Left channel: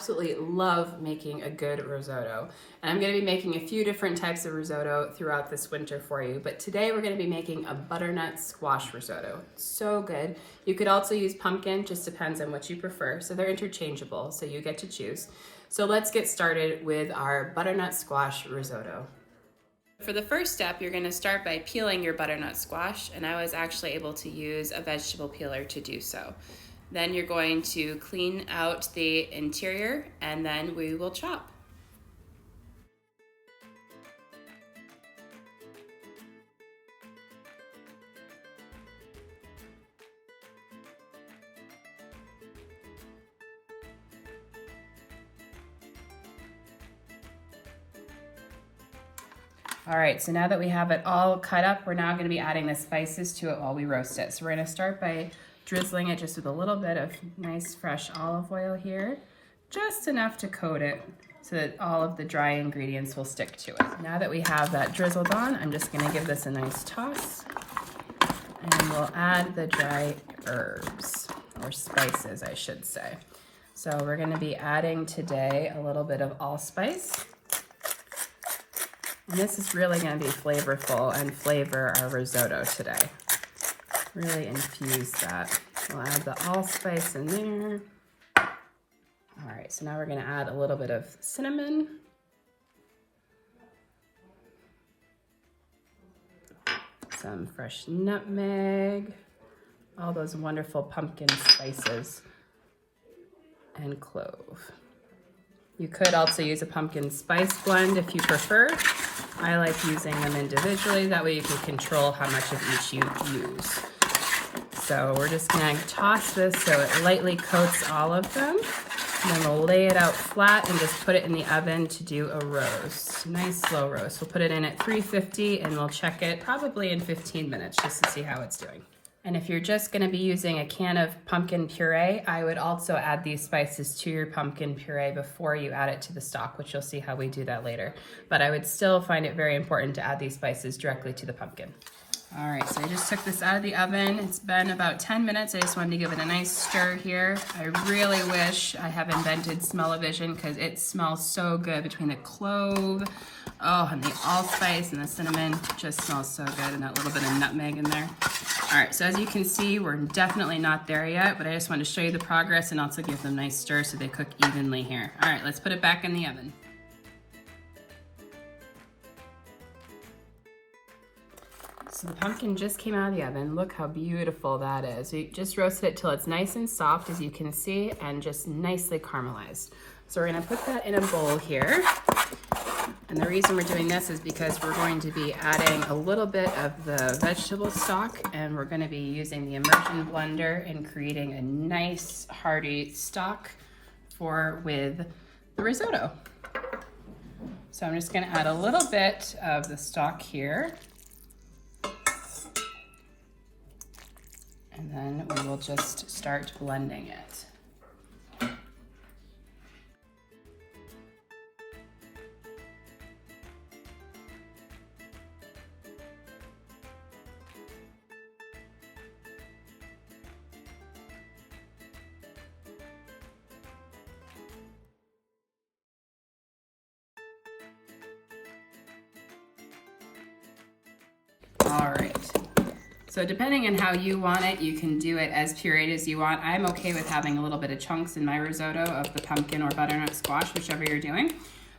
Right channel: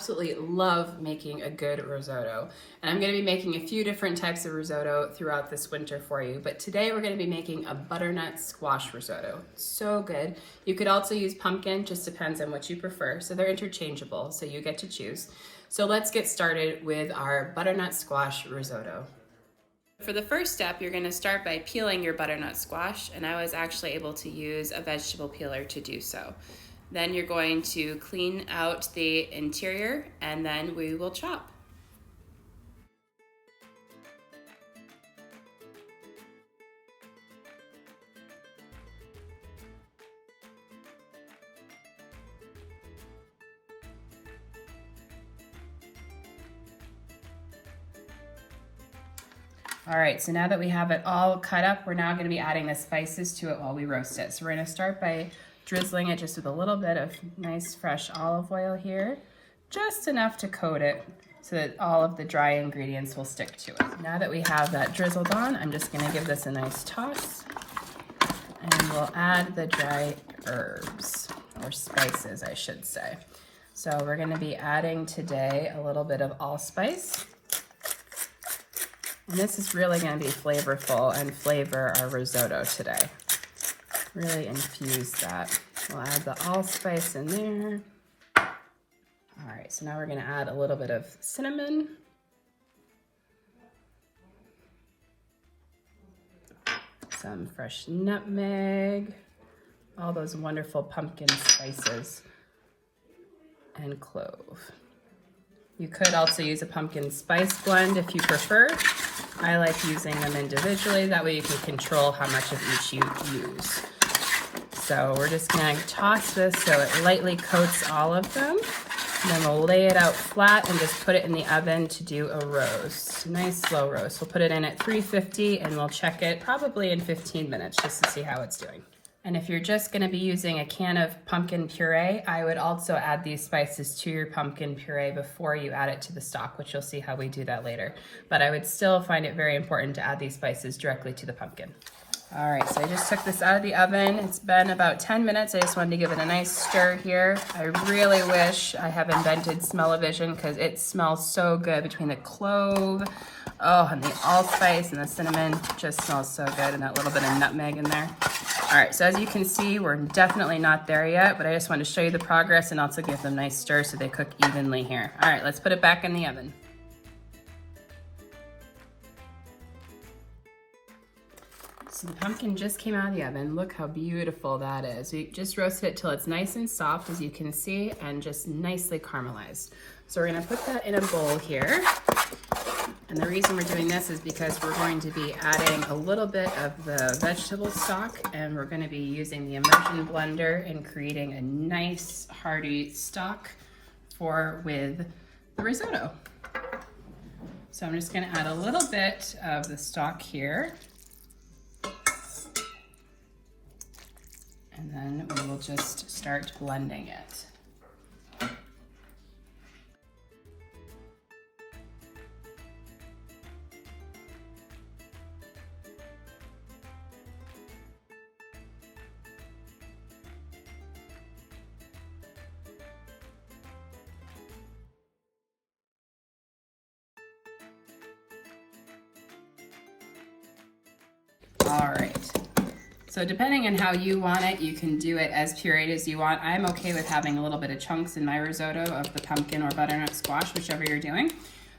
absolutely love making a good risotto. And I'm gonna be making a few different types of risotto throughout this winter for you, but today we're gonna be making a butternut squash risotto. So good. You could also use pumpkin, just depends on what you prefer. So they're interchangeable, so you get to choose. So let's get started with our butternut squash risotto. For the first step, you're gonna start by peeling your butternut squash, and I was actually able to use a vegetable peeler to do so. Then you're going to clean out the interior, and then we will chop. All right, so now that we have it all cut up, we're now gonna be adding the spices to it while we roast it. So we're gonna start by drizzling it just with a little bit of nice fresh olive oil here, just enough to coat it so that all of the dry ingredients will stick to it. Now that we have that drizzled on, I'm just gonna give this a nice toss, and we'll add the dry herbs, or spices, I should say. So we're gonna be adding today a little bit of allspice. And this is really going to be flavorful and flavor our risotto today. Really infuse that. We'll add the allspice in there. All right, so now we're going to add a little bit of cinnamon. Some fresh nutmeg. All those wonderful pumpkin spices. And clove. You could also use a pumpkin spice blend if you prefer. I like using them individually. That way you can control how much of each you use. So we're just gonna toss this so it lightly coats all of them. And then we'll lay it out flat and just put it in the oven to do a roast. Nice slow roast. We'll put it in at 350 and we'll check it probably in 15 minutes just to see how it's doing. And if you're just gonna be using a can of pumpkin puree, I would also add these spices to your pumpkin puree before you add it to the stock, which you'll see how we do that later. But I would still find it very important to add these spices directly to the pumpkin. All right, so I just took this out of the oven. It's been about 10 minutes. I just wanted to give it a nice stir here. I really wish I have invented smell-o-vision because it smells so good between the clove, and the allspice and the cinnamon. Just smells so good, and that little bit of nutmeg in there. All right, so as you can see, we're definitely not there yet, but I just wanted to show you the progress and also give them a nice stir so they cook evenly here. All right, let's put it back in the oven. So the pumpkin just came out of the oven. Look how beautiful that is. We just roasted it till it's nice and soft, as you can see, and just nicely caramelized. So we're gonna put that in a bowl here. And the reason we're doing this is because we're going to be adding a little bit of the vegetable stock, and we're gonna be using the immersion blender and creating a nice hearty stock with the risotto. So I'm just gonna add a little bit of the stock here. And then we will just start blending it. All right. So depending on how you want it, you can do it as pureed as you want. I'm okay with having a little bit of chunks in my risotto of the pumpkin or butternut squash, whichever you're doing.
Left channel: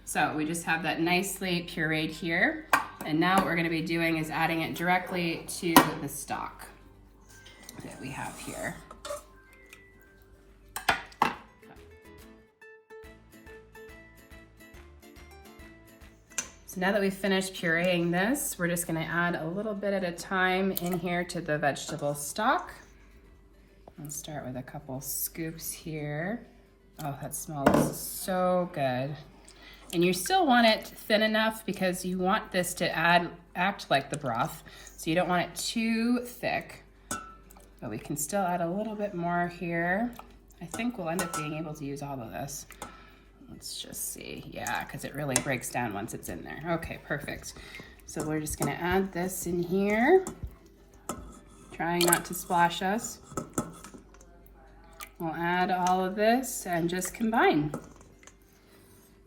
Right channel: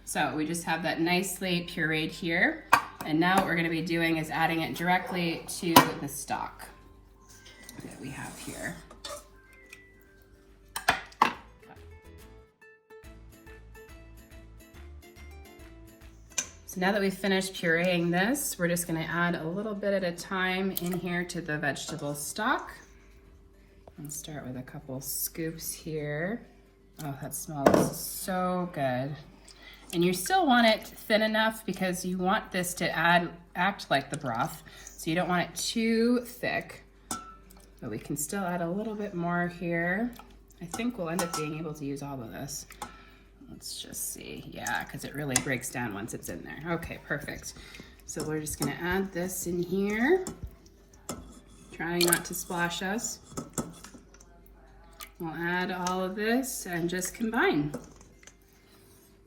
So we just have that nicely pureed here. And now what we're gonna be doing is adding it directly to the stock that we have here. So now that we've finished pureeing this, we're just gonna add a little bit at a time in here to the vegetable stock. I'll start with a couple scoops here. Oh, that smells so good. And you still want it thin enough because you want this to act like the broth. So you don't want it too thick, but we can still add a little bit more here. I think we'll end up being able to use all of this. Let's just see. Yeah, because it really breaks down once it's in there. Okay, perfect. So we're just gonna add this in here, trying not to splash us. We'll add all of this and just combine.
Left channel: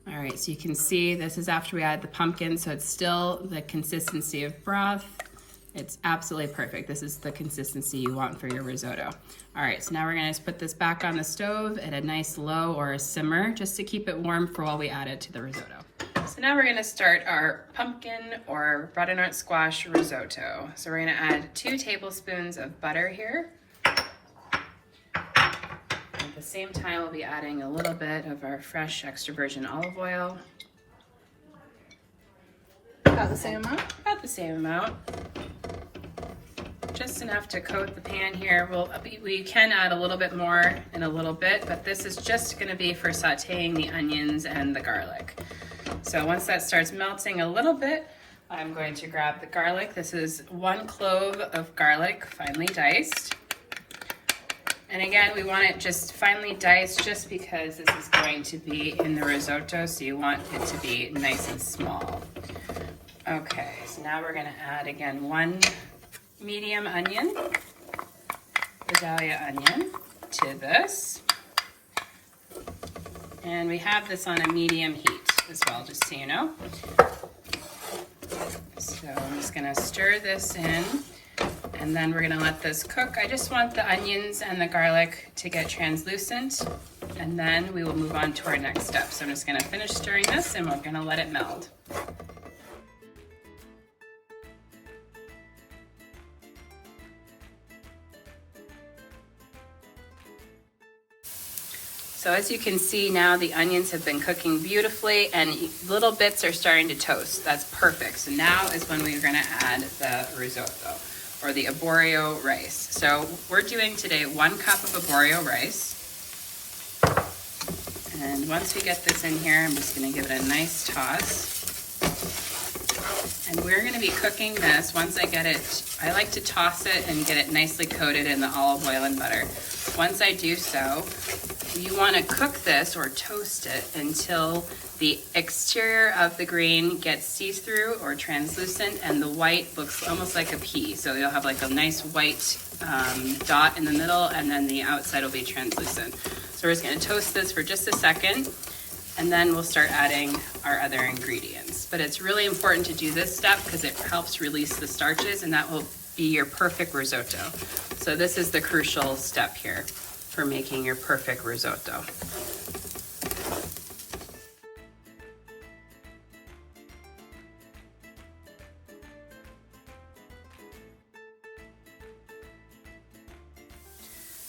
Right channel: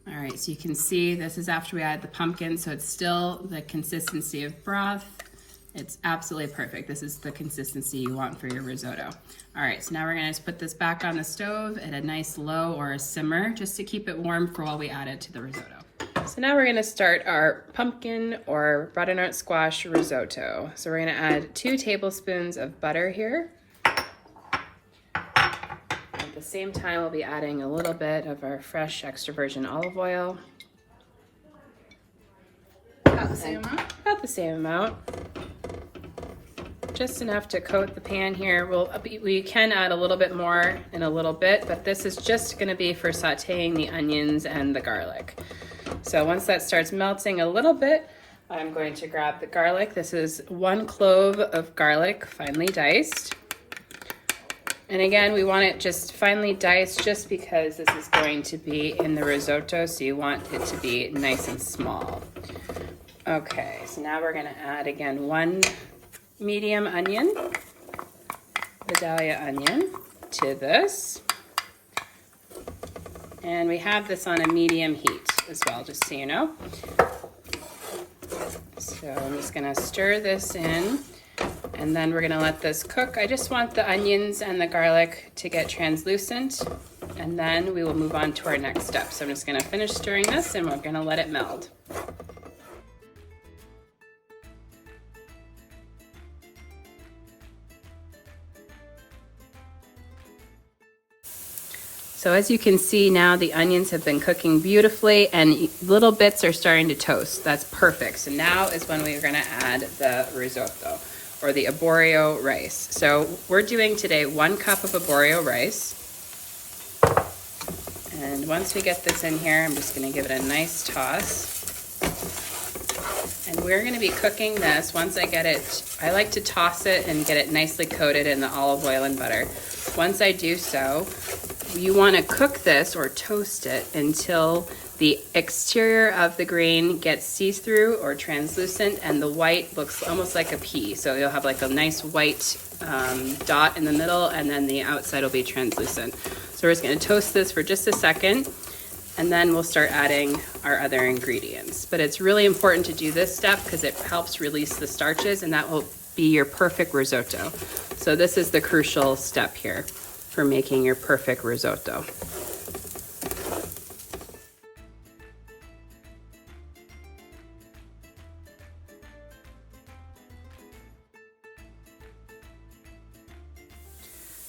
All right, so you can see this is after we add the pumpkin, so it's still the consistency of broth. It's absolutely perfect. This is the consistency you want for your risotto. All right, so now we're gonna just put this back on the stove at a nice low or a simmer, just to keep it warm for while we add it to the risotto. So now we're gonna start our pumpkin or butternut squash risotto. So we're gonna add 2 tablespoons of butter here. At the same time, we'll be adding a little bit of our fresh extra virgin olive oil. About the same amount? About the same amount. Just enough to coat the pan here. We can add a little bit more in a little bit, but this is just gonna be for sauteing the onions and the garlic. So once that starts melting a little bit, I'm going to grab the garlic. This is 1 clove of garlic, finely diced. And again, we want it just finely diced just because this is going to be in the risotto, so you want it to be nice and small. Okay, so now we're gonna add again 1 medium onion, Vidalia onion, to this. And we have this on a medium heat as well, just so you know. So I'm just gonna stir this in, and then we're gonna let this cook. I just want the onions and the garlic to get translucent, and then we will move on to our next step. So I'm just gonna finish stirring this, and we're gonna let it meld. So as you can see now, the onions have been cooking beautifully and little bits are starting to toast. That's perfect. So now is when we're gonna add the risotto or the arborio rice. So we're doing today 1 cup of arborio rice. And once we get this in here, I'm just gonna give it a nice toss. And we're gonna be cooking this once I get it. I like to toss it and get it nicely coated in the olive oil and butter. Once I do so, you want to cook this or toast it until the exterior of the grain gets see-through or translucent and the white looks almost like a pea. So you'll have like a nice white dot in the middle and then the outside will be translucent. So we're just going to toast this for just a second and then we'll start adding our other ingredients. But it's really important to do this step because it helps release the starches and that will be your perfect risotto. So this is the crucial step here for making your perfect risotto.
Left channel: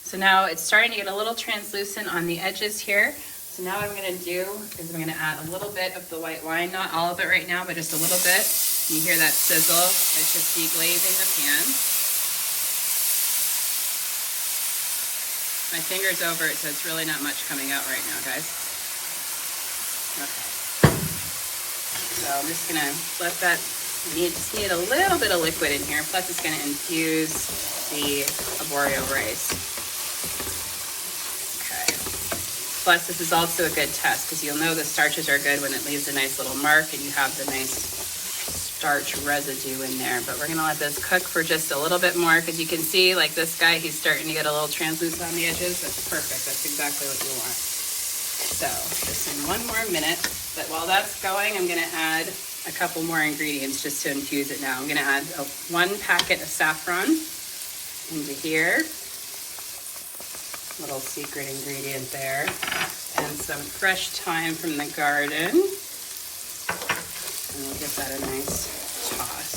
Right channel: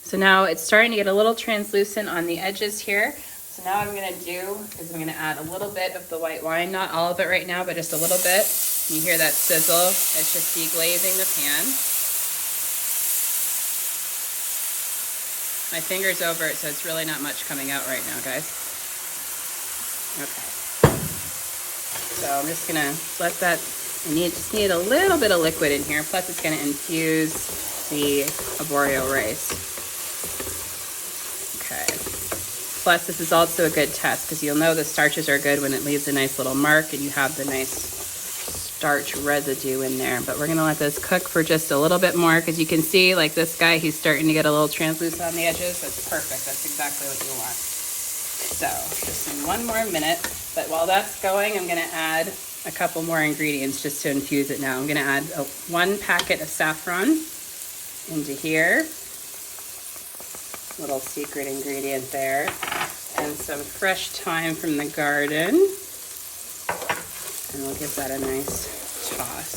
So now it's starting to get a little translucent on the edges here. So now what I'm gonna do is I'm gonna add a little bit of the white wine, not all of it right now, but just a little bit. You hear that sizzle? It's just deglazing the pan. My finger's over it, so it's really not much coming out right now, guys. Okay. So I'm just gonna let that, just need a little bit of liquid in here, plus it's gonna infuse the arborio rice. Okay. Plus this is also a good test, because you'll know the starches are good when it leaves a nice little mark and you have the nice starch residue in there. But we're gonna let this cook for just a little bit more because you can see like this guy, he's starting to get a little translucent on the edges. That's perfect, that's exactly what you want. So just in 1 more minute, but while that's going, I'm gonna add a couple more ingredients just to infuse it now. I'm gonna add 1 packet of saffron into here. Little secret ingredient there. And some fresh thyme from the garden. And we'll give that a nice toss.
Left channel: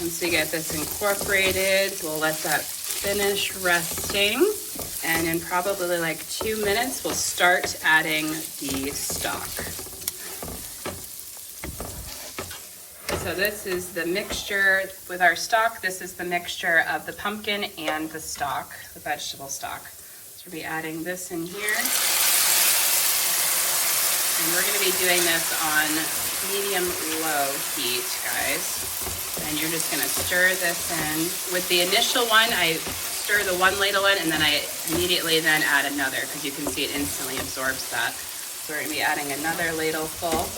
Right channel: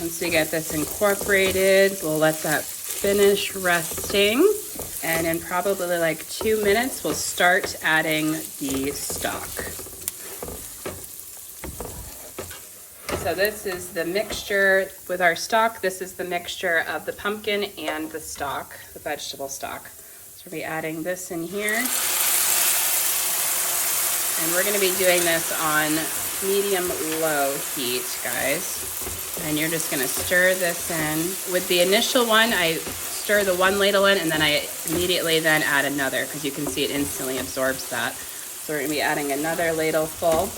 Once we get this incorporated, we'll let that finish resting. And in probably like 2 minutes, we'll start adding the stock. So this is the mixture with our stock. This is the mixture of the pumpkin and the stock, the vegetable stock. So we'll be adding this in here. And we're gonna be doing this on medium-low heat, guys. And you're just gonna stir this in. With the initial one, I stir the 1 ladle in and then I immediately then add another because you can see it instantly absorbs that. So we're gonna be adding another ladle full.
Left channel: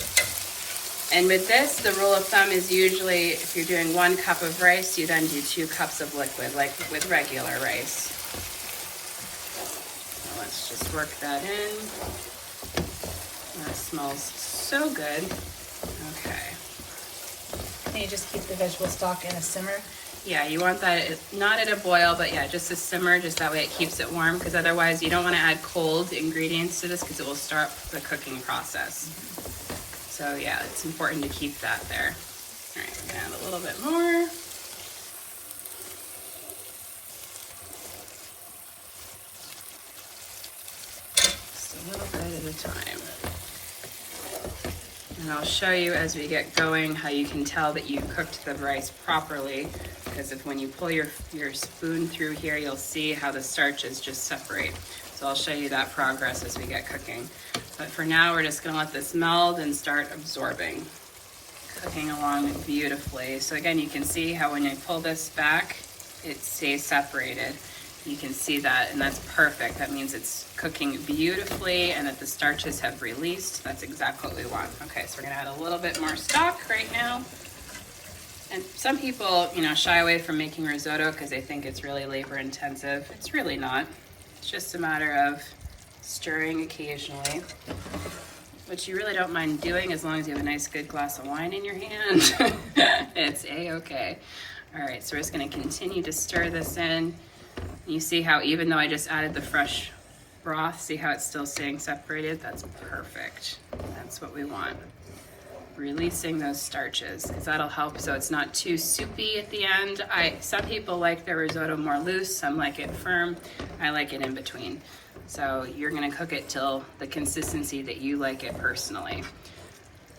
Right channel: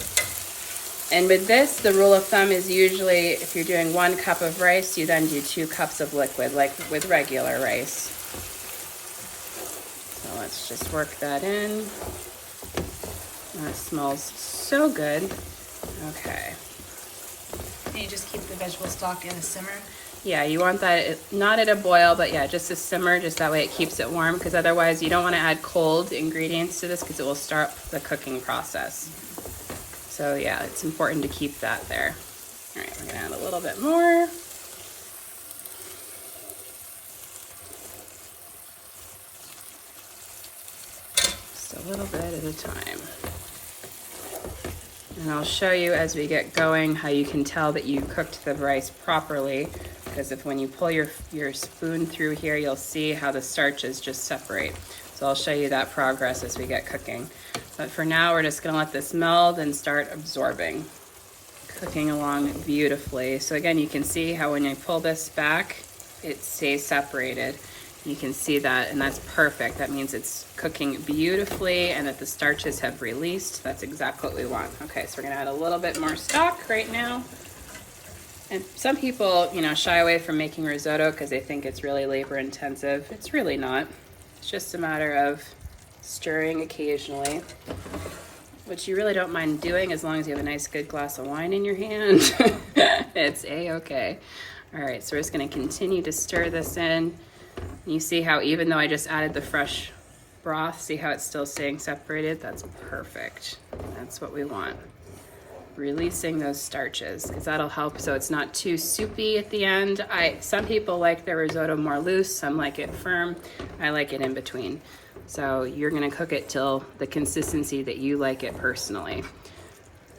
And with this, the rule of thumb is usually if you're doing 1 cup of rice, you then do 2 cups of liquid, like with regular rice. So let's just work that in. And it smells so good. Okay. Can you just keep the vegetable stock in a simmer? Yeah, you want that not at a boil, but yeah, just a simmer, just that way it keeps it warm, because otherwise you don't want to add cold ingredients to this because it will start the cooking process. So yeah, it's important to keep that there. All right, we're gonna add a little bit more. Just a little bit at a time. And I'll show you as we get going how you can tell that you cooked the rice properly, because if when you pull your spoon through here, you'll see how the starches just separate. So I'll show you that progress as we get cooking. But for now, we're just gonna let this meld and start absorbing. Cooking along beautifully. So again, you can see how when you pull this back, it stays separated. You can see that, and that's perfect. That means it's cooking beautifully and that the starches have released. That's exactly what we want. Okay, so we're gonna add a little bit more stock right now. And some people, you know, shy away from making risotto because they think it's really labor intensive. It's really not. It's just a matter of stirring occasionally, which you really don't mind doing as long as you have a nice good glass of wine in your hand. It's a-okay. All right, so we're just gonna continue to stir this in. You see how even though I just added the fresh broth, see how it's still staying separated? That's perfect. That's what we want. Releasing those starches, because that'll help so it's not too soupy at the end. Some people like their risotto more loose, some like it firm. I like it in between. So you're gonna cook it till the consistency that you like it personally.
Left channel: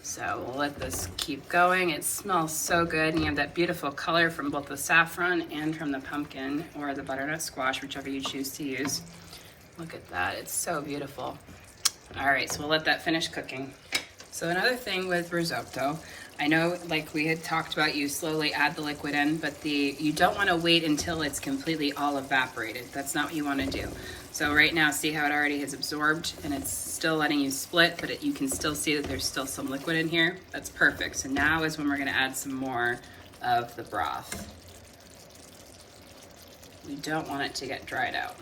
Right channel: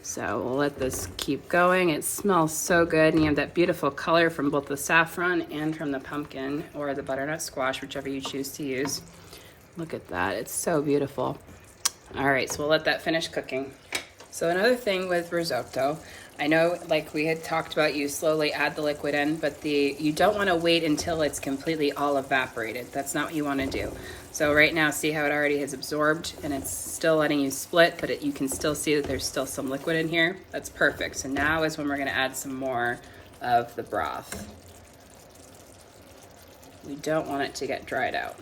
So we'll let this keep going. It smells so good, and you have that beautiful color from both the saffron and from the pumpkin or the butternut squash, whichever you choose to use. Look at that, it's so beautiful. All right, so we'll let that finish cooking. So another thing with risotto, I know like we had talked about, you slowly add the liquid in, but you don't want to wait until it's completely all evaporated. That's not what you want to do. So right now, see how it already has absorbed and it's still letting you split, but you can still see that there's still some liquid in here. That's perfect. So now is when we're going to add some more of the broth. You don't want it to get dried out,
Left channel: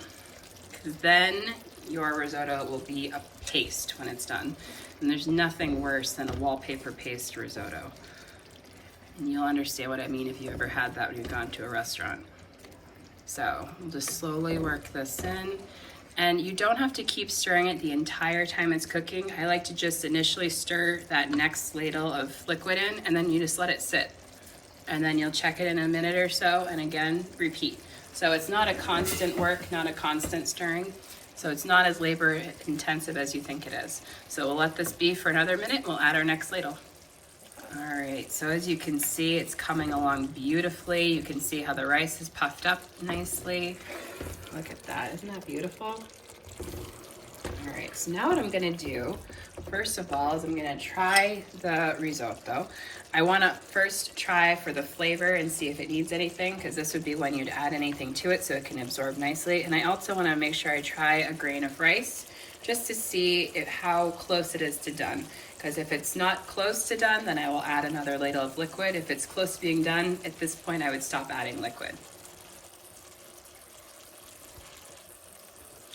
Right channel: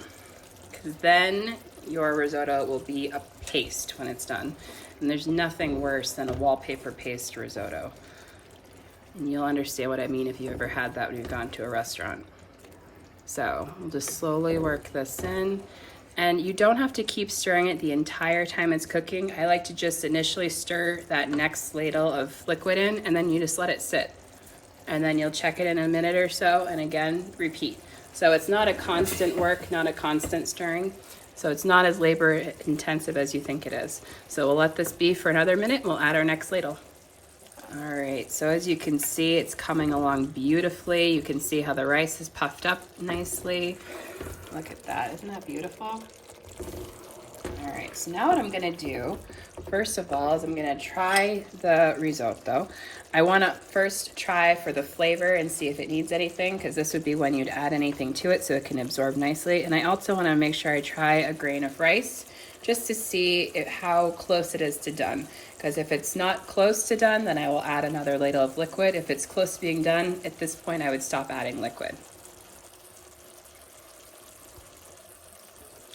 because then your risotto will be a paste when it's done. And there's nothing worse than a wallpaper paste risotto. And you'll understand what I mean if you ever had that when you've gone to a restaurant. So we'll just slowly work this in. And you don't have to keep stirring it the entire time it's cooking. I like to just initially stir that next ladle of liquid in, and then you just let it sit. And then you'll check it in a minute or so, and again, repeat. So it's not a constant work, not a constant stirring. So it's not as labor intensive as you think it is. So we'll let this be for another minute. We'll add our next ladle. All right, so as you can see, it's coming along beautifully. You can see how the rice is puffed up nicely. Look at that, isn't that beautiful? All right, so now what I'm gonna do, first of all, is I'm gonna try the risotto. I wanna first try for the flavor and see if it needs anything, because this would be when you'd add anything to it so it can absorb nicely. And I also wanna make sure I try a grain of rice just to see how close it is to done. Because if it's not close to done, then I will add another ladle of liquid. If it's close to being done, at this point I would stop adding liquid.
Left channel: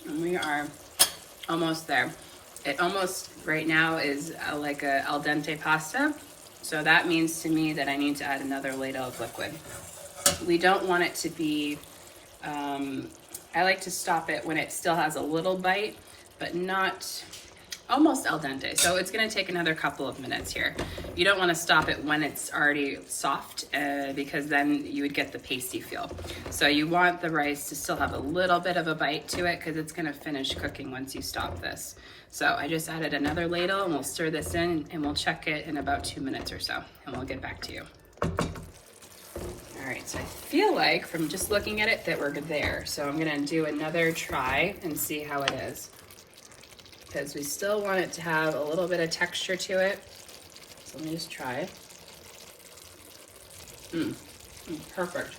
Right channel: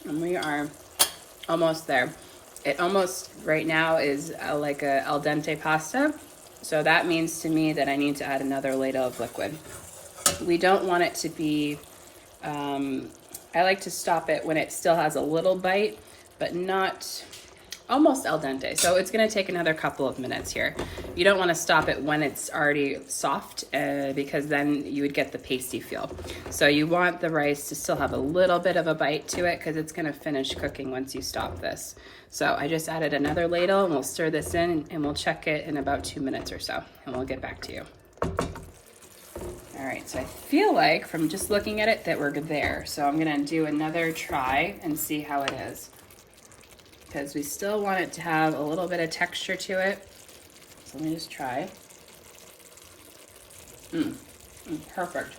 And we are almost there. It almost right now is like a al dente pasta. So that means to me that I need to add another ladle of liquid. We don't want it to be, I like to stop it when it still has a little bite, but not almost al dente. So it's gonna take another couple of minutes here. You don't wanna stop it when it's already soft because then you would get the pasty feel. So you want the rice to still have a little bit of a bite to it because it's gonna finish cooking once you stop this. So I just added another ladle, and we'll stir this in and we'll check it in about 2 minutes or so, and we'll get back to you. All right, so I feel like from just looking at it that we're there. So I'm gonna do another try and see how it is, because we still want it to have a little bit of texture to it. So let me just try. Perfect.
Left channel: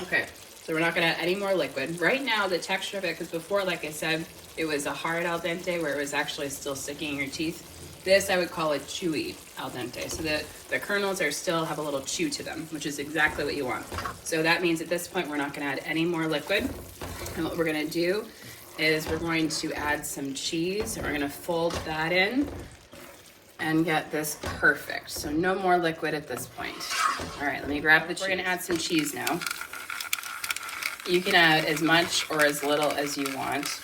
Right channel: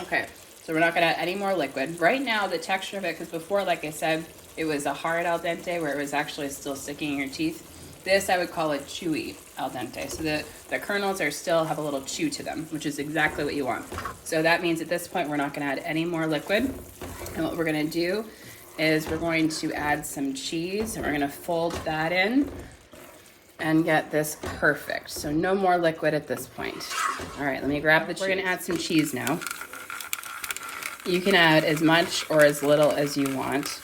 Okay, so we're not gonna add any more liquid. Right now, the texture of it, because before, like I said, it was a hard al dente where it was actually still sticking in your teeth. This I would call a chewy al dente. So the kernels still have a little chew to them, which is exactly what you want. So that means at this point, we're not gonna add any more liquid. And what we're gonna do is we're going to add some cheese, and we're gonna fold that in and get this perfect. So no more liquid at this point. All right, let me grab the cheese. We're gonna add some cheese now. You can add as much or as little as you want.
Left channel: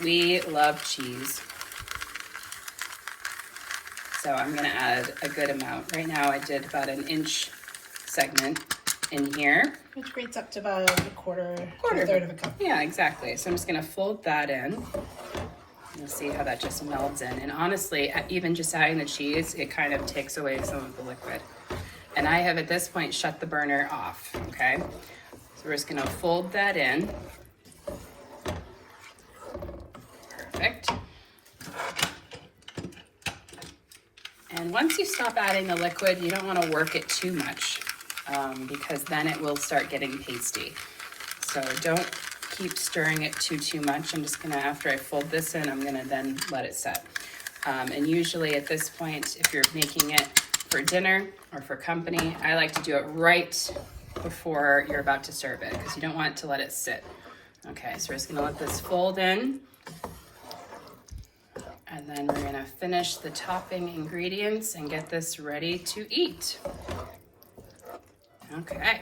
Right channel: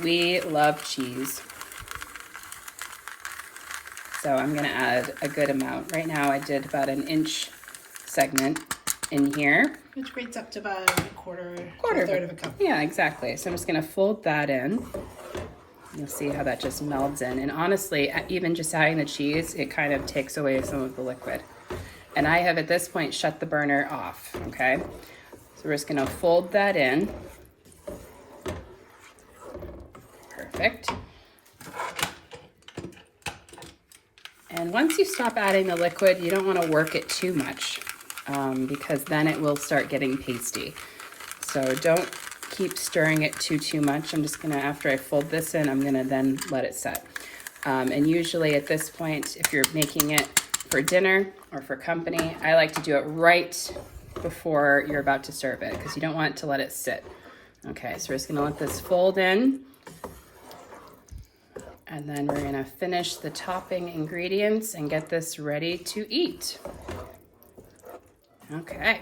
We love cheese. So I'm gonna add a good amount. Right now I did about an inch segment in here. Which grades up to about a third of a cup. Yeah, exactly. So I'm just gonna fold that in. You'll see how that just melds in. And honestly, even just adding the cheese, it kind of takes away some of the liquid. And I have at this point shut the burner off, okay? So we're just gonna fold that in. Perfect. And once you stop adding the liquid, you don't wanna work it too much because then it will start getting pasty. So don't keep stirring it too much. I'm just gonna, after I fold this in, I'm gonna then let it set. And usually at this point, if you're making it for dinner or for company, I like to do it right before you're about to serve it because you don't want to let it sit. Okay, so we're just gonna let this fold in. And then we're gonna finish the topping ingredients and get this ready to eat. Okay.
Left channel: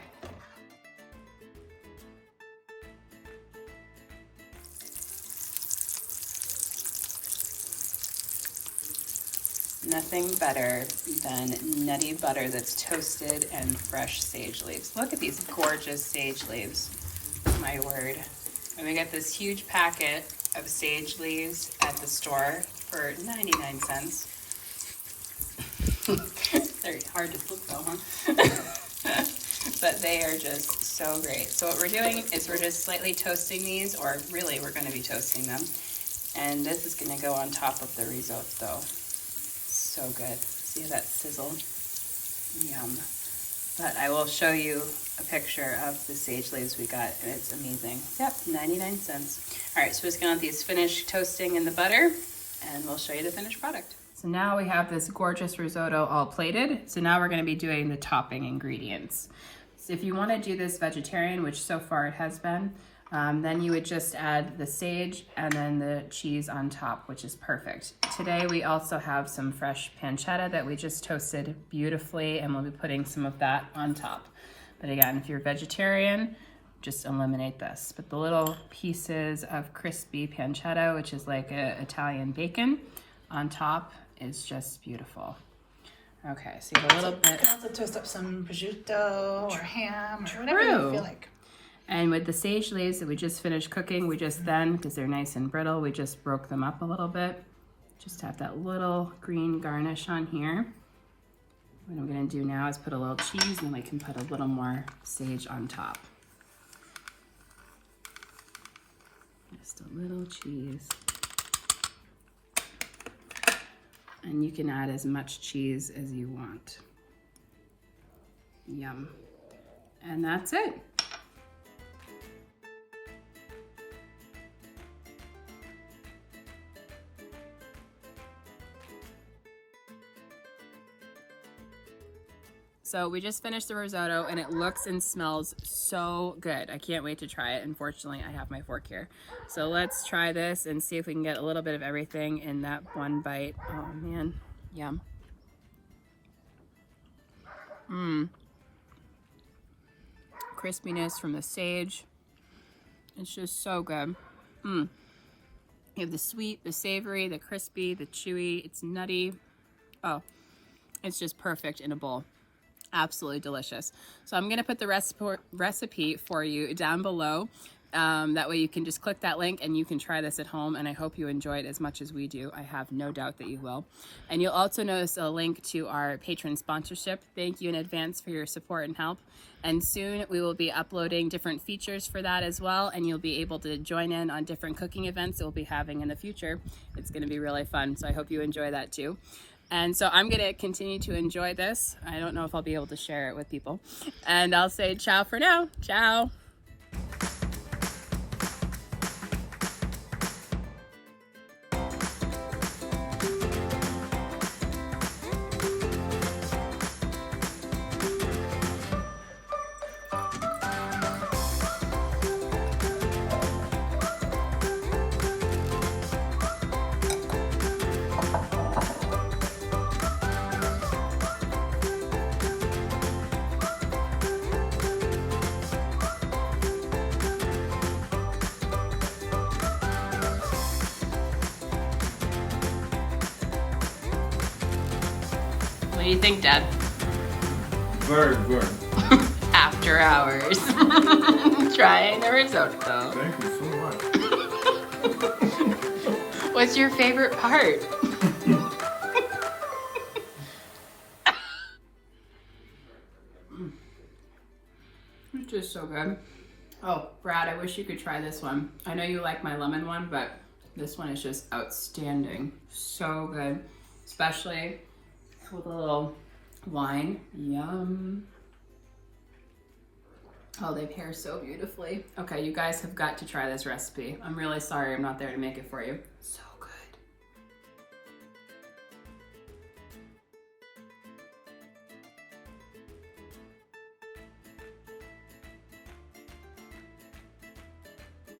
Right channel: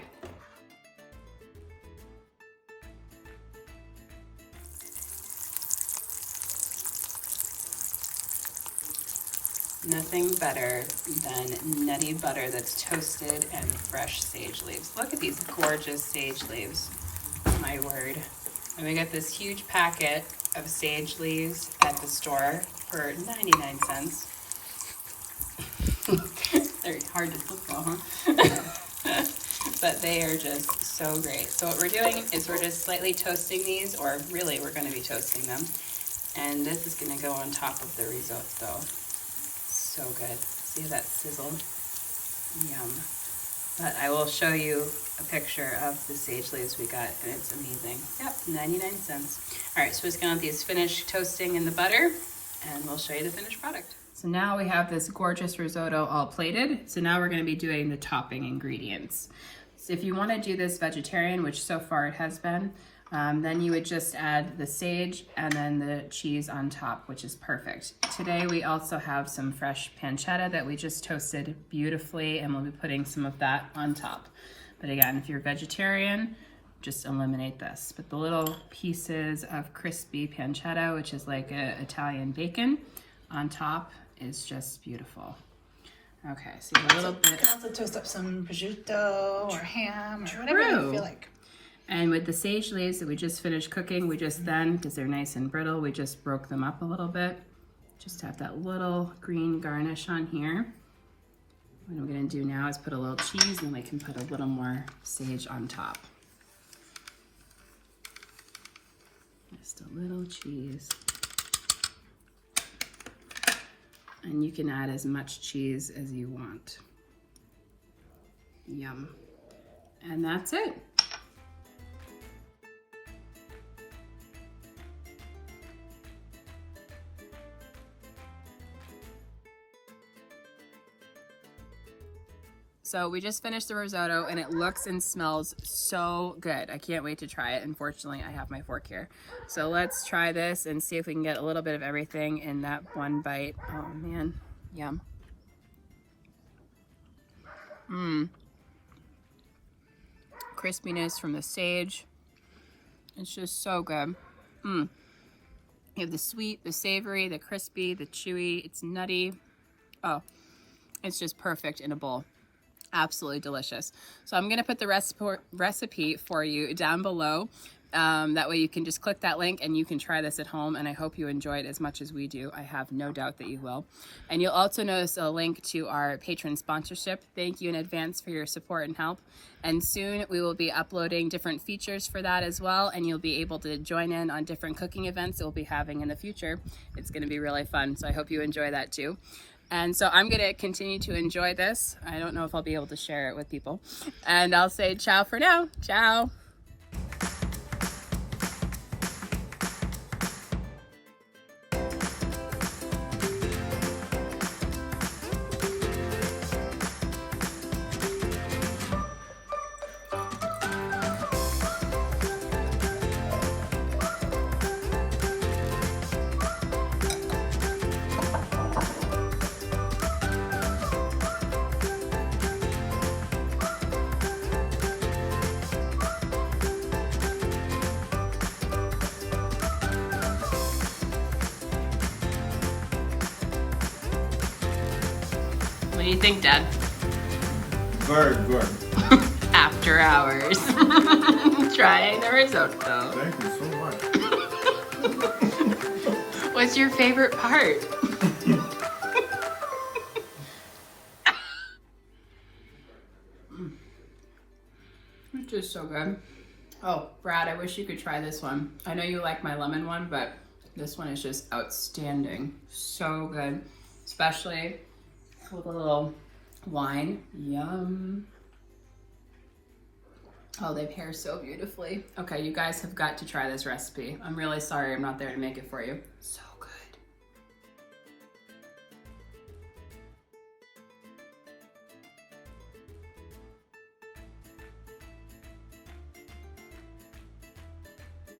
Nothing better than nutty butter that's toasted and fresh sage leaves. Look at these gorgeous sage leaves. My word. And we got this huge packet of sage leaves at the store for 99 cents. They're hard to swallow, huh? But they are just so great. So what we're doing is we're just slightly toasting these, or really we're going to be toasting them. And this is going to go on top of the risotto. So good. See that sizzle? Yum. But I will show you a picture of the sage leaves we got, and it's amazing. Yep, 99 cents. All right, so we're just gonna let these finish toasting in the butter, and we'll show you the finished product. So now we have this gorgeous risotto all plated. So now we're gonna be doing the topping ingredients. So if you wanna do this vegetarian, which so far it has been, then you would just add the sage and then the cheese on top, which is perfect. Today we also have some fresh pancetta that we just toasted beautifully, and we'll be putting some of that on top. But again, if you're vegetarian, just eliminate this. But the little pieces of crispy pancetta, which is like a Italian bacon, on top is just beautiful. Okay, so you have a little bit. You can also toast up some prosciutto or ham or whatever you feel like. And with the sage leaves that we just finished cooking, we just then, because they're nice and brittle, we just broke them up a little bit. Just have that little green garnish on here. What I'm gonna do now is put a little cheese, and I can put a little more sage on top. Just a little cheese. And you can add as much cheese as you want. Yum. And that's it. So we just finished the risotto, and it looks and smells so good. I can't wait to try it. Unfortunately, I have my fork here. So let's try this and see if we can get a little bit of everything in that one bite. Oh man, yum. Crispiness from the sage. It's just so good. You have the sweet, the savory, the crispy, the chewy. It's nutty. Oh, it's just perfect in a bowl. Absolutely delicious. So I'm gonna put the recipe for you down below. That way you can just click that link and you can try this at home, and I hope you enjoy it as much as we do. I have no doubt that you will. And you'll also notice a link to our patron sponsorship. Thank you in advance for your support and help. And soon we will be uploading different features for that as well, and you'll be able to join in on different cooking events that we'll be having in the future. It's gonna be really fun, so I hope you enjoy that too. And so I'm gonna continue to enjoy this. I don't know if I'll be able to share it with people. And I'll say ciao for now. Ciao. What do you think, Dad? Very good. After hours. Trying the risotto. Thank you so much. What's your favorite part? It's just so good. Oh, Brad, I wish you could try this one. I know you like my lemon one, but this one is just outstanding. So good, especially with a little wine. Yum. Oh, they pair so beautifully. Okay, you guys have got to try this recipe. I'm really sorry I'm not there to make it for you. So